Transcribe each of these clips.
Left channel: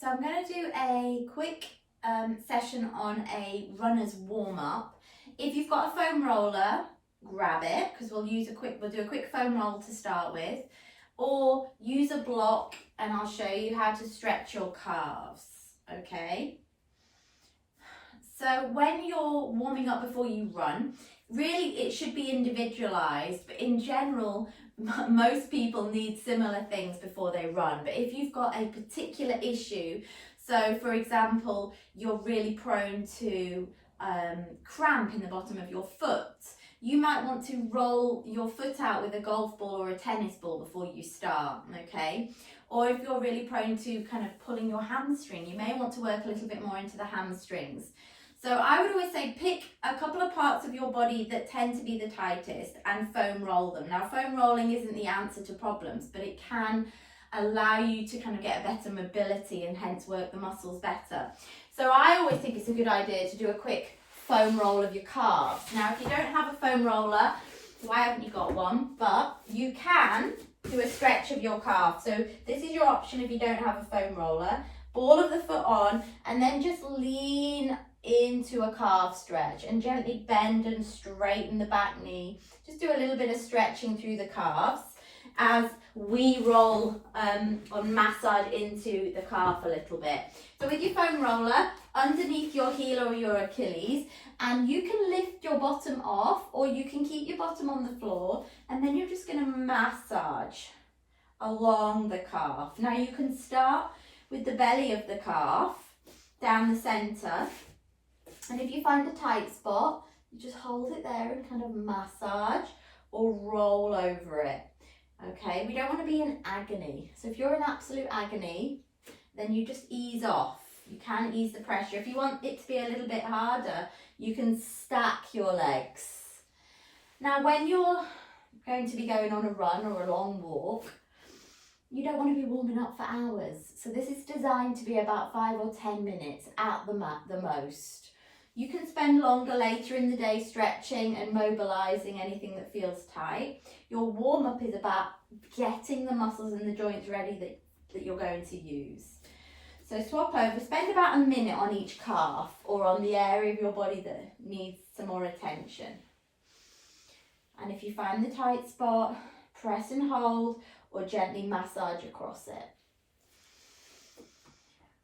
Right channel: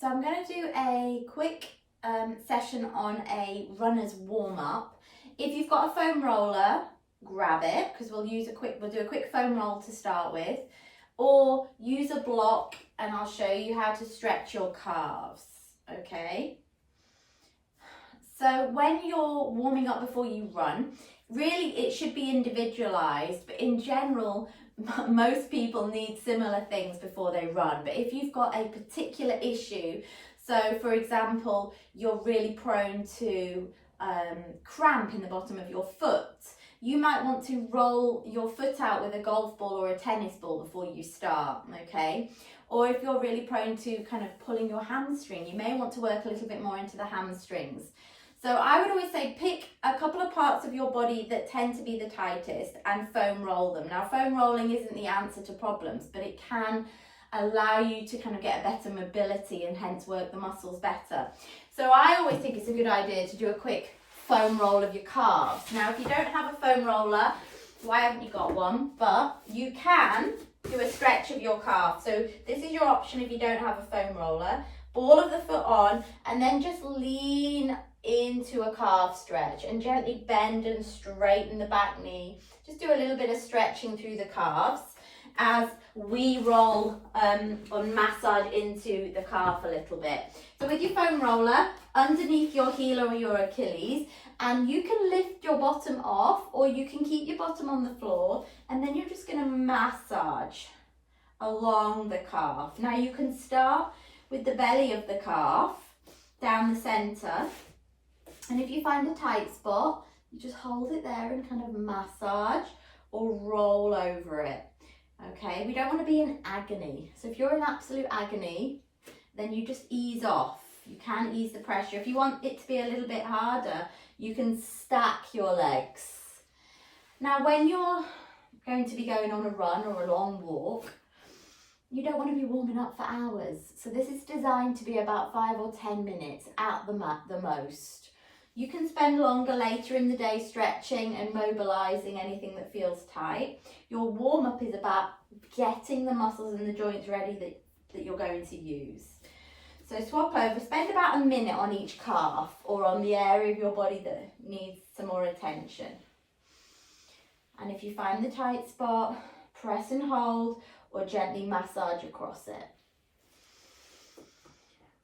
So I'm going to do a quick session on a runner's warm-up. If you've got a foam roller, grab it, because we'll do a quick foam roll to start with, or use a block and I'll show you how to stretch your calves, okay? So when you're warming up before you run, really it should be individualized, but in general, most people need similar things before they run. But if you've got a particular issue, so for example, you're really prone to cramp in the bottom of your foot, you might want to roll your foot out with a golf ball or a tennis ball before you start, okay? Or if you're really prone to kind of pulling your hamstring, you may want to work a little bit more into the hamstrings. So I would always say pick a couple of parts of your body that tend to be the tightest and foam roll them. Now, foam rolling isn't the answer to problems, but it can allow you to kind of get a better mobility and hence work the muscles better. So I always think it's a good idea to do a quick foam roll of your calves. Now, if you don't have a foam roller, why haven't you got one? But you can do a stretch of your calf. So this is your option if you don't have a foam roller. Ball of the foot on and then just lean into a calf stretch and gently bend and straighten the back knee. Just do a little bit of stretching through the calves as we roll or massage into the calf a little bit. So with your foam roller underneath your heel or your Achilles, and you can lift your bottom off or you can keep your bottom on the floor, and then you're just going to massage along the calf. Now you can start with the belly of the calf down the center. And if you find a tight spot, you just hold it there and kind of massage or roll over it. Okay, we don't want to be in agony. So if you're in absolute agony, then you just ease off. You can ease the pressure. If you want it to be a little bit harder, you can stack your legs. Now, when you're going to be going on a run or a long walk, you don't want to be warming up for hours. So this is designed to be about 5 or 10 minutes at the most. You can spend longer later in the day stretching and mobilizing anything that feels tight. Your warm-up is about getting the muscles and the joints ready that you're going to use. So swap over, spend about a minute on each calf or on the area of your body that needs some more attention. And if you find the tight spot, press and hold or gently massage across it.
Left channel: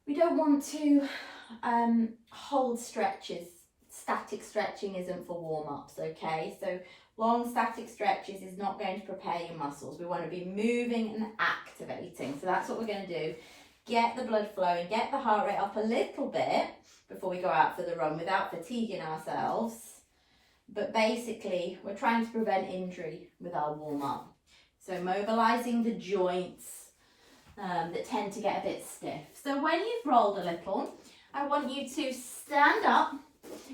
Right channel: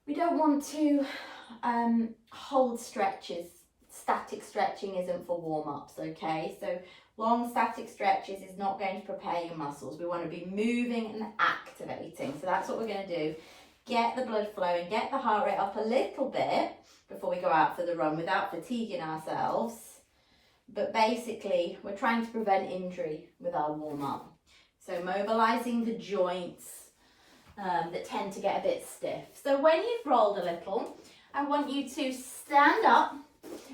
We don't want to hold stretches. Static stretching isn't for warm-ups, okay? So long static stretches is not going to prepare your muscles. We want to be moving and activating. So that's what we're going to do. Get the blood flowing, get the heart rate up a little bit before we go out for the run without fatiguing ourselves. But basically, we're trying to prevent injury with our warm-up. So mobilizing the joints that tend to get a bit stiff. So when you've rolled a little, I want you to stand up,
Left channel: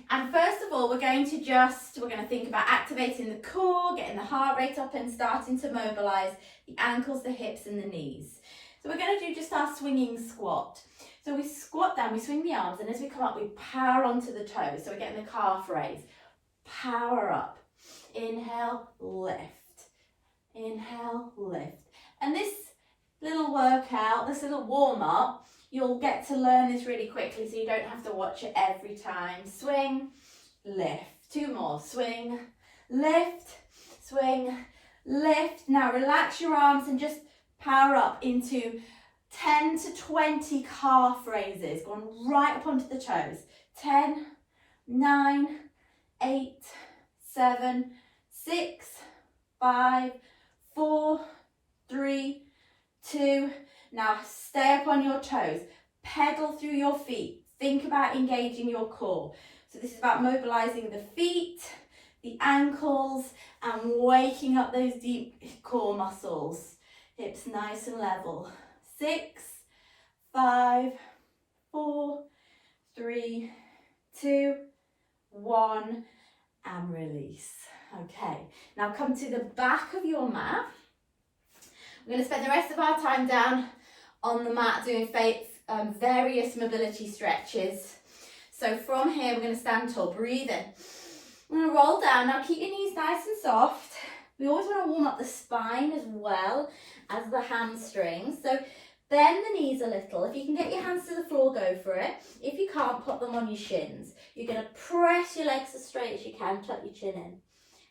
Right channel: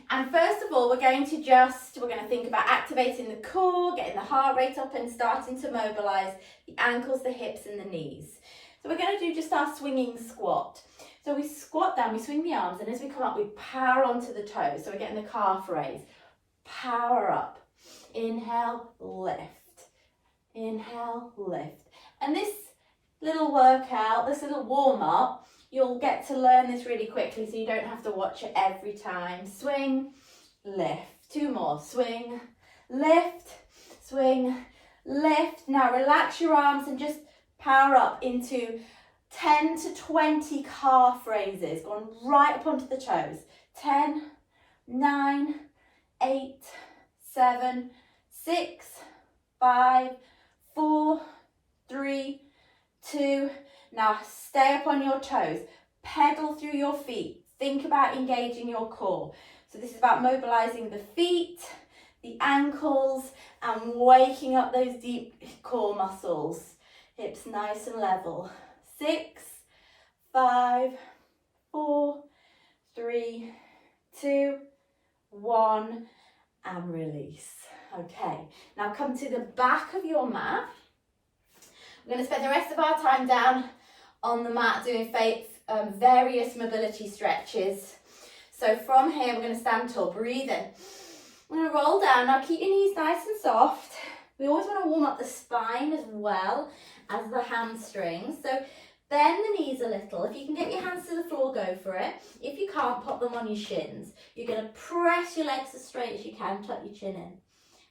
and first of all we're going to think about activating the core, getting the heart rate up and starting to mobilize the ankles, the hips and the knees. So we're going to do just our swinging squat. So we squat down, we swing the arms, and as we come up we power onto the toes. So we're getting the calf raise, power up, inhale, lift, inhale, lift. And this little workout, this little warm up, you'll get to learn this really quickly so you don't have to watch it every time. Swing, lift. 2 more. Swing, lift, swing, lift. Now relax your arms and just power up into 10 to 20 calf raises, going right up onto the toes. 10, 9, 8, 7, 6, 5, 4, 3, 2. Now stay up on your toes, pedal through your feet, think about engaging your core. So this is about mobilizing the feet, the ankles, and waking up those deep core muscles. Hips nice and level. 6, 5, 4, 3, 2, 1, and release. Okay, now come to the back of your mat. We're going to spend the rest of our time down on the mat doing various mobility stretches. So from here, we're going to stand tall, breathe in. We're going to roll down. Now keep your knees nice and soft. We always want to warm up the spine as well as the hamstrings. So Bend the knees a little. If you can get your hands to the floor, go for it. If you can't, pop them on your shins. You're going to press your legs as straight as you can, tuck your chin in,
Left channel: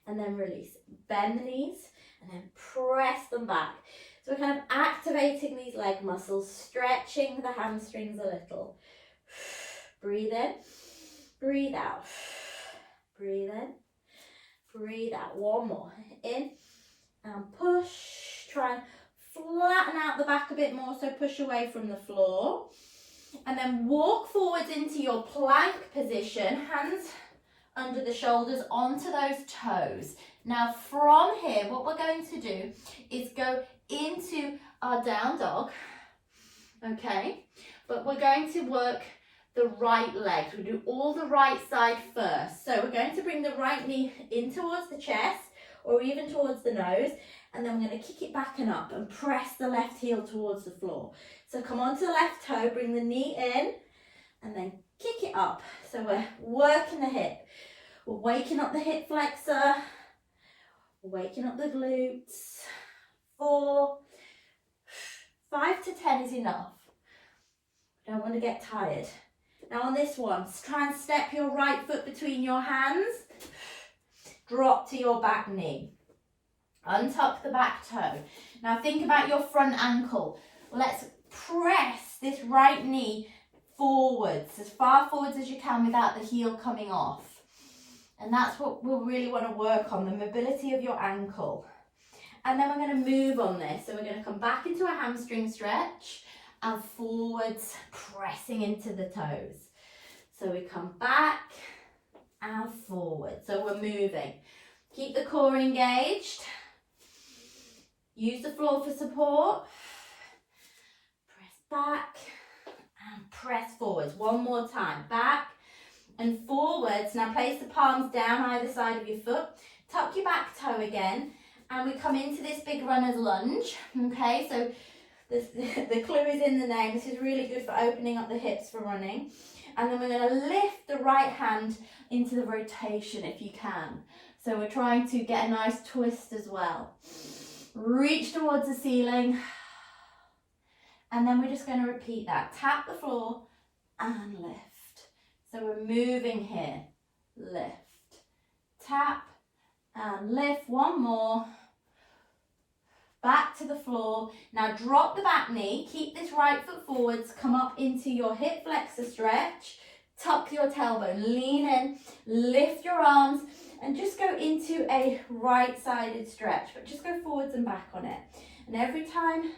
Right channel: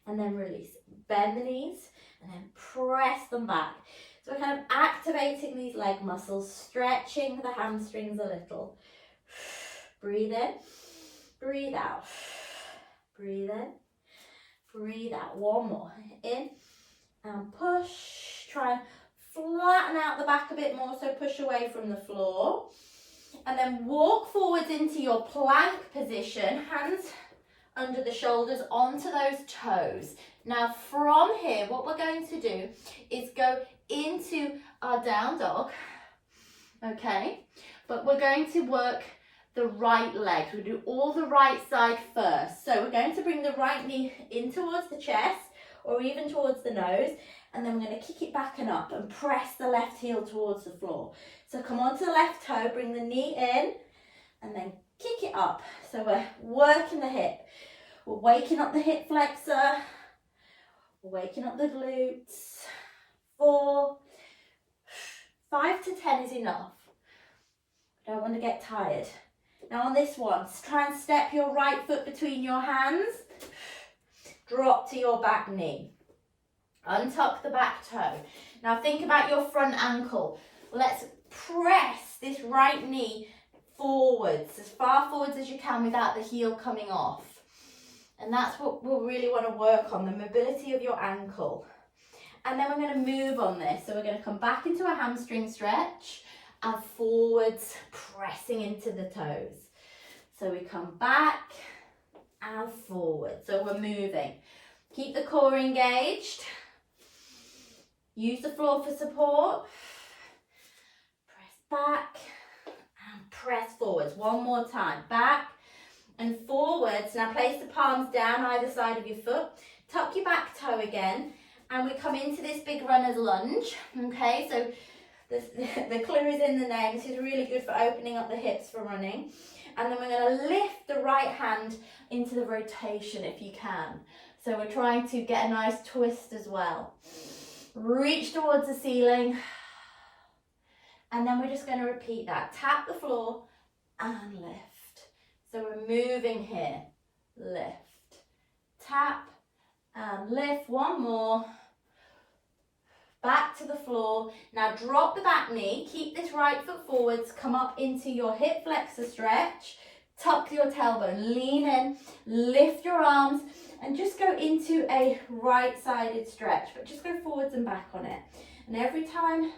and then release. Bend the knees and then press them back. So we're kind of activating these leg muscles, stretching the hamstrings a little. Breathe in, breathe out. Breathe in, breathe out. One more. In and push. Try and flatten out the back a bit more, so push away from the floor. And then walk forwards into your plank position, hands under the shoulders onto those toes. Now from here, what we're going to do is go into our down dog, okay? But we're going to work the right leg. We'll do all the right side first. So we're going to bring the right knee in towards the chest or even towards the nose, and then we're going to kick it back and up and press the left heel towards the floor. So come onto the left toe, bring the knee in, and then kick it up. So we're working the hip. We're waking up the hip flexor. We're waking up the glutes. 4, 5 to 10 is enough. Don't want to get tired. Now on this one, try and step your right foot between your hands. Drop to your back knee. Untuck the back toe. Now think about your front ankle. Let's press this right knee forwards, as far forwards as you can without the heel coming off. And that's what we'll really want to work on, the mobility of your ankle. And then we're going to move on this. So we're going to come back into a hamstring stretch and forwards, pressing into the toes. So we come back and forward. So we're moving. Keep the core engaged. Use the floor for support. Press back and press forwards. One more time. Back and forwards. Now place the palms down either side of your foot. Tuck your back toe again. And we come into this big runner's lunge. Okay, so the clue is in the name. This is really good for opening up the hips for running. And then we're going to lift the right hand into the rotation if you can. So we're trying to get a nice twist as well. Reach towards the ceiling. And then we're just going to repeat that. Tap the floor and lift. So we're moving here. Lift. Tap and lift. One more. Back to the floor. Now drop the back knee. Keep this right foot forwards. Come up into your hip flexor stretch. Tuck your tailbone. Lean in. Lift your arms. And just go into a right-sided stretch. But just go forwards and back on it. And every time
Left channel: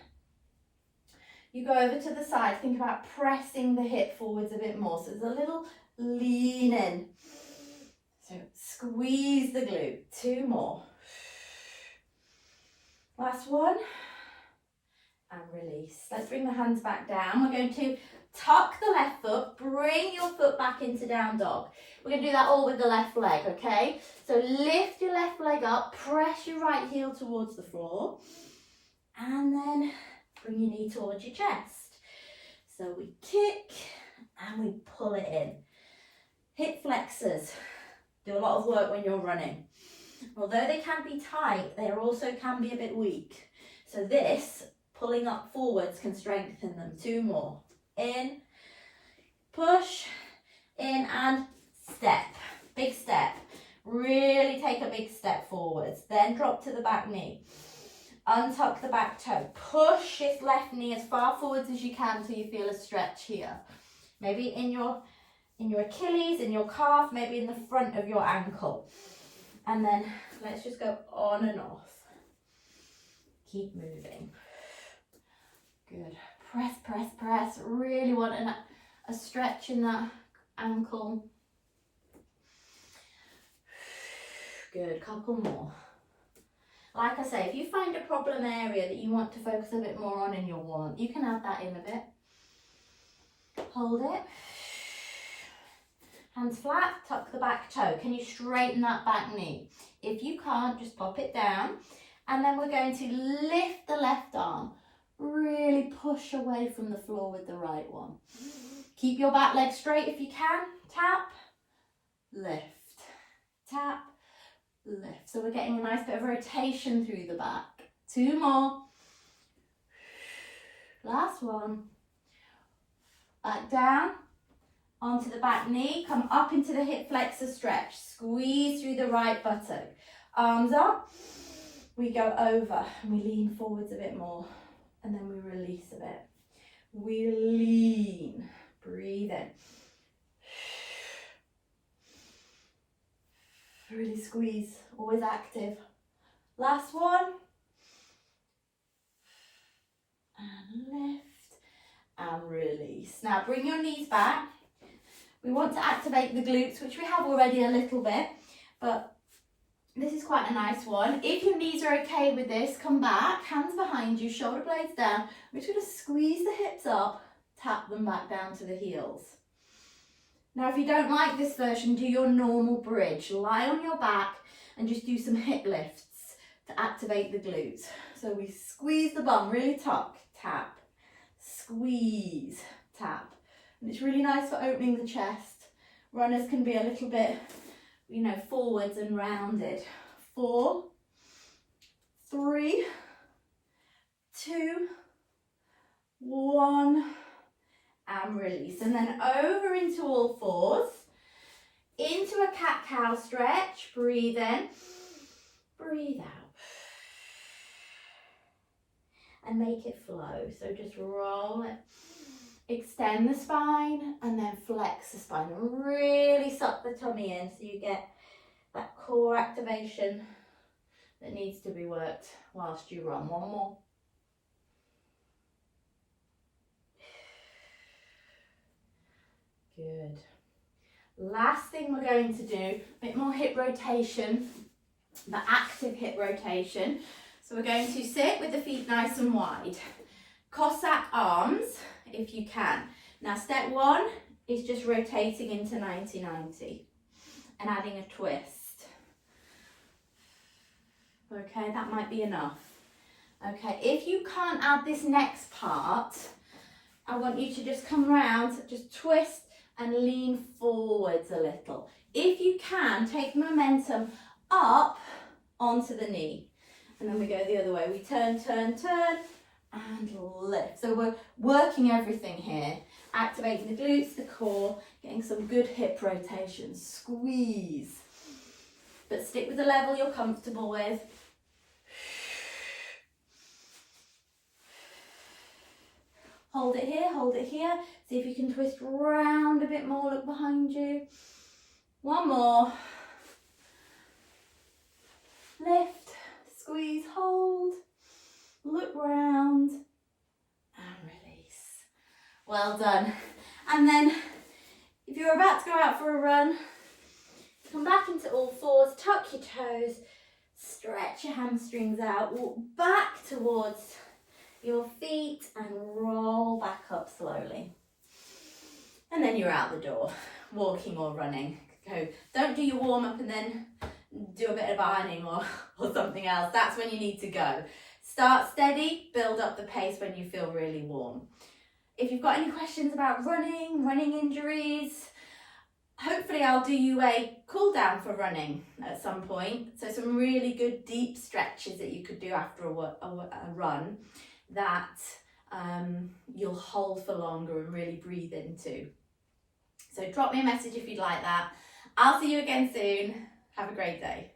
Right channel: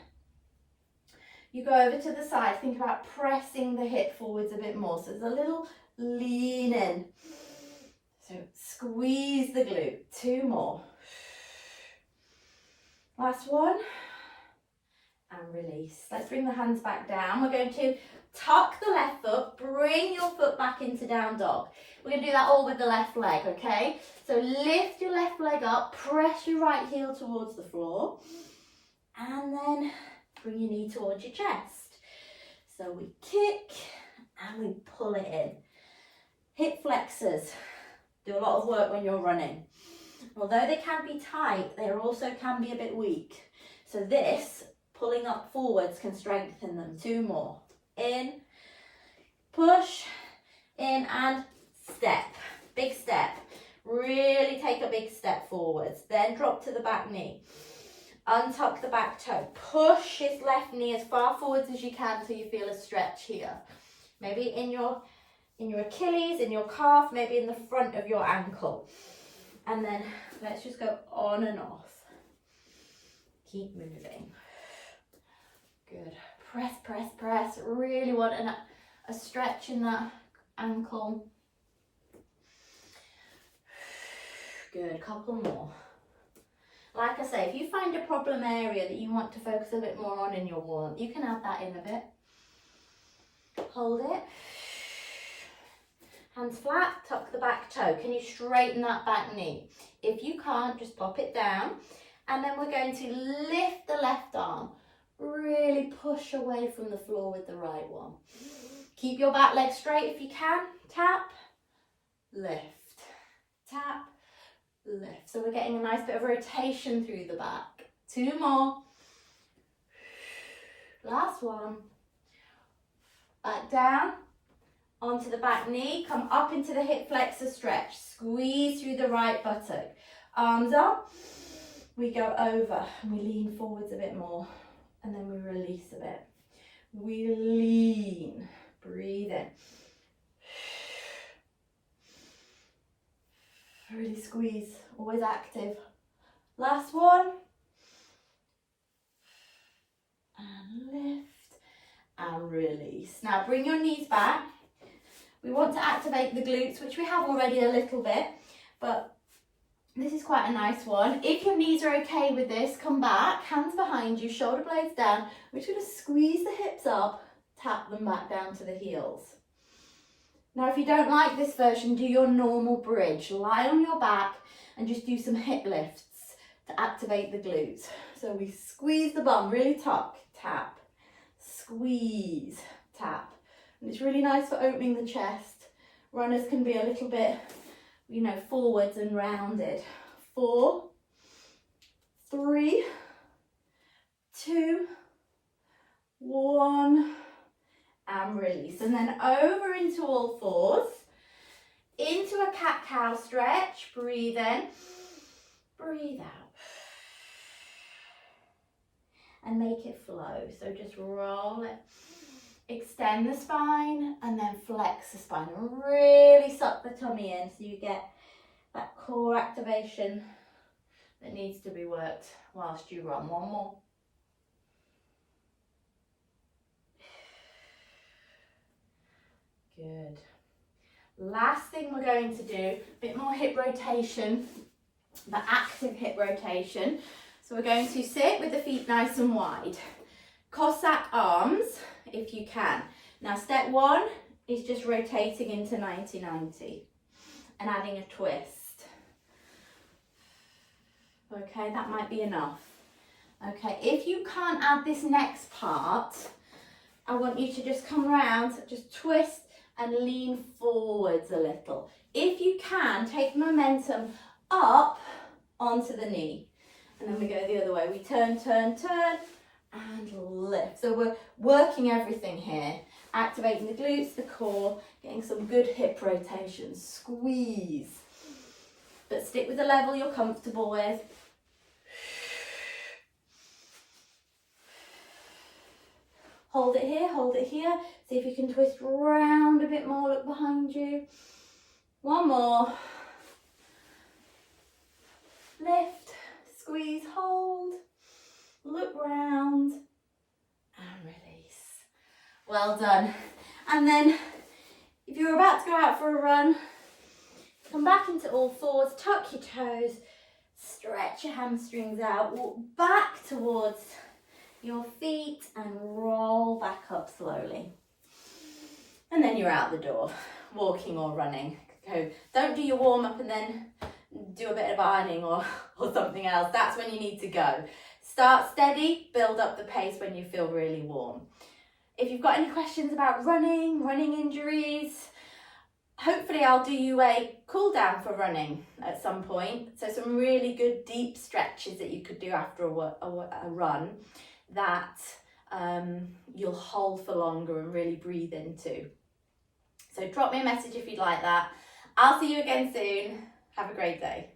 you go over to the side, think about pressing the hip forwards a bit more. So there's a little lean in. So squeeze the glute. 2 more. Last one. And release. Let's bring the hands back down. We're going to tuck the left foot. Bring your foot back into down dog. We're going to do that all with the left leg, okay? So lift your left leg up. Press your right heel towards the floor. And then bring your knee towards your chest. So we kick and we pull it in. Hip flexors do a lot of work when you're running. Although they can be tight, they also can be a bit weak. So this, pulling up forwards, can strengthen them. 2 more. In, push, in and step. Big step. Really take a big step forwards. Then drop to the back knee. Untuck the back toe. Push this left knee as far forwards as you can until you feel a stretch here. Maybe in your Achilles, in your calf, maybe in the front of your ankle. And then let's just go on and off. Keep moving. Good. Press, press, press. Really want a stretch in that ankle. Good. Couple more. Like I say, if you find a problem area that you want to focus a bit more on in your warm-up, you can add that in a bit. Hold it. Hands flat, tuck the back toe. Can you straighten that back knee? If you can't, just pop it down. And then we're going to lift the left arm. Really push away from the floor with the right one. Keep your back leg straight if you can. Tap, lift, tap, lift. So we're getting a nice bit of rotation through the back. 2 more. Last one. Back down, onto the back knee, come up into the hip flexor stretch. Squeeze through the right buttock. Arms up, we go over and we lean forwards a bit more. And then we release a bit. We lean, breathe in. Really squeeze, always active. Last one. And lift and release. Now bring your knees back. We want to activate the glutes, which we have already a little bit, but this is quite a nice one. If your knees are okay with this, come back, hands behind you, shoulder blades down. We're just going to squeeze the hips up, tap them back down to the heels. Now, if you don't like this version, do your normal bridge. Lie on your back and just do some hip lifts to activate the glutes. So we squeeze the bum, really tuck, tap, squeeze, tap. And it's really nice for opening the chest. Runners can be a little bit, you know, forwards and rounded. 4, 3, 2, 1, and release. And then over into all fours, into a cat-cow stretch. Breathe in, breathe out. And make it flow. So just roll it. Extend the spine and then flex the spine. Really suck the tummy in so you get that core activation that needs to be worked whilst you run. One more. Good. Last thing we're going to do, a bit more hip rotation, but active hip rotation. So we're going to sit with the feet nice and wide. Cossack arms, if you can. Now step 1 is just rotating into 90-90 and adding a twist. Okay, that might be enough. Okay, if you can't add this next part, I want you to just come around, just twist and lean forwards a little. If you can, take momentum up onto the knee. And then we go the other way. We turn, turn, turn, and lift. So we're working everything here. Activating the glutes, the core, getting some good hip rotation. Squeeze. But stick with the level you're comfortable with. Hold it here, hold it here. See if you can twist round a bit more, look behind you. One more. Lift, squeeze, hold, look round, and release. Well done. And then, if you're about to go out for a run, come back into all fours, tuck your toes, stretch your hamstrings out, walk back towards your feet and roll back up slowly. And then you're out the door, walking or running. Go. Don't do your warm up and then do a bit of ironing or something else. That's when you need to go. Start steady, build up the pace when you feel really warm. If you've got any questions about running injuries, hopefully I'll do you a cool down for running at some point. So some really good deep stretches that you could do after a run that you'll hold for longer and really breathe into. So drop me a message if you'd like that. I'll see you again soon. Have a great day.